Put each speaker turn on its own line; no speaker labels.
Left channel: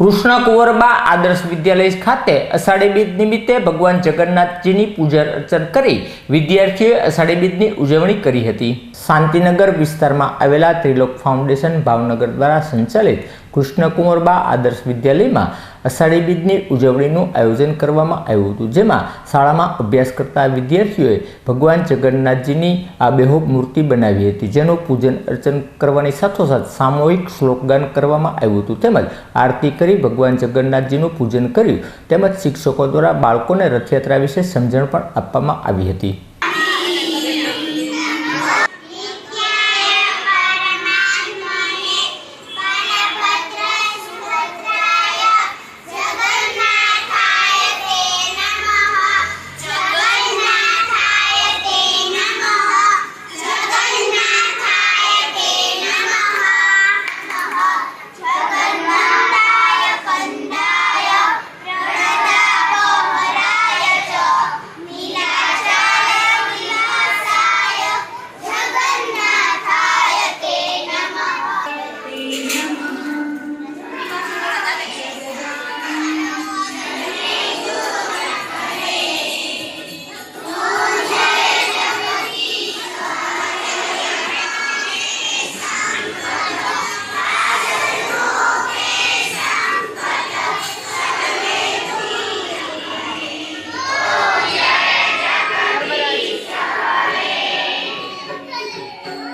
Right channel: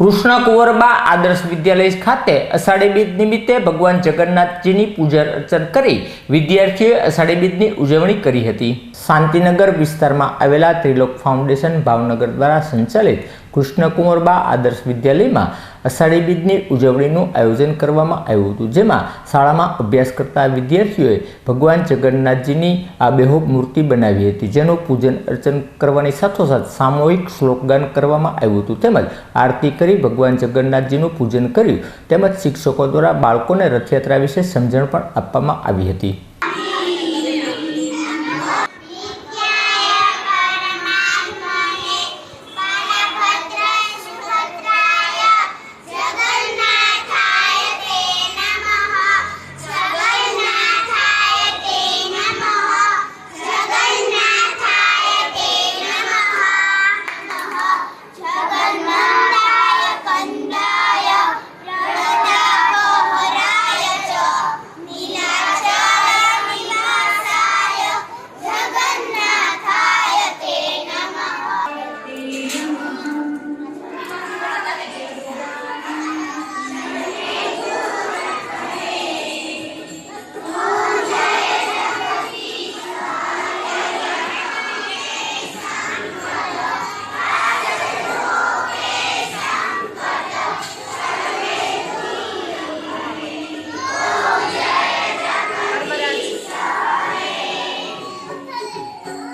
કૃષ્ણ કુંવરબા આદર્શ વિદ્યાલય ખાતે અષાઢી બીજ નિમિત્તે ભગવાન જગન્નાથજીની પૂજા અર્ચન કરી વિદ્યાર્થીઓએ અષાઢી બીજની ઉજવણી કરી હતી. શાંતિનગર વિસ્તારમાં આવેલા ત્રિલોક ફાઉન્ડેશન ભાવનગર દ્વારા સંચાલિત કૃષ્ણ બા આદર્શ વિદ્યાલયમાં અષાઢી બીજની ઉજવણીનું આયોજન કરવામાં આવ્યું હતું, જેમાં શાળામાં અભ્યાસ કરતા વિદ્યાર્થીઓએ ભગવાન જગન્નાથજીની આ બેહોબ મૂર્તિ બનાવી હતી, જેનું પૂજન અર્ચન કરવાની સાથોસાથ સામૂહિક શ્લોકગાન કરવામાં આવ્યું હતું. તેમજ આરતી કરી ભગવાન જગન્નાથજીનું પૂજન કર્યું. તેમજ શિક્ષકો દ્વારા બાળકોને રથયાત્રા વિશે સમજણ પણ આપવામાં આવી હતી. Yeah.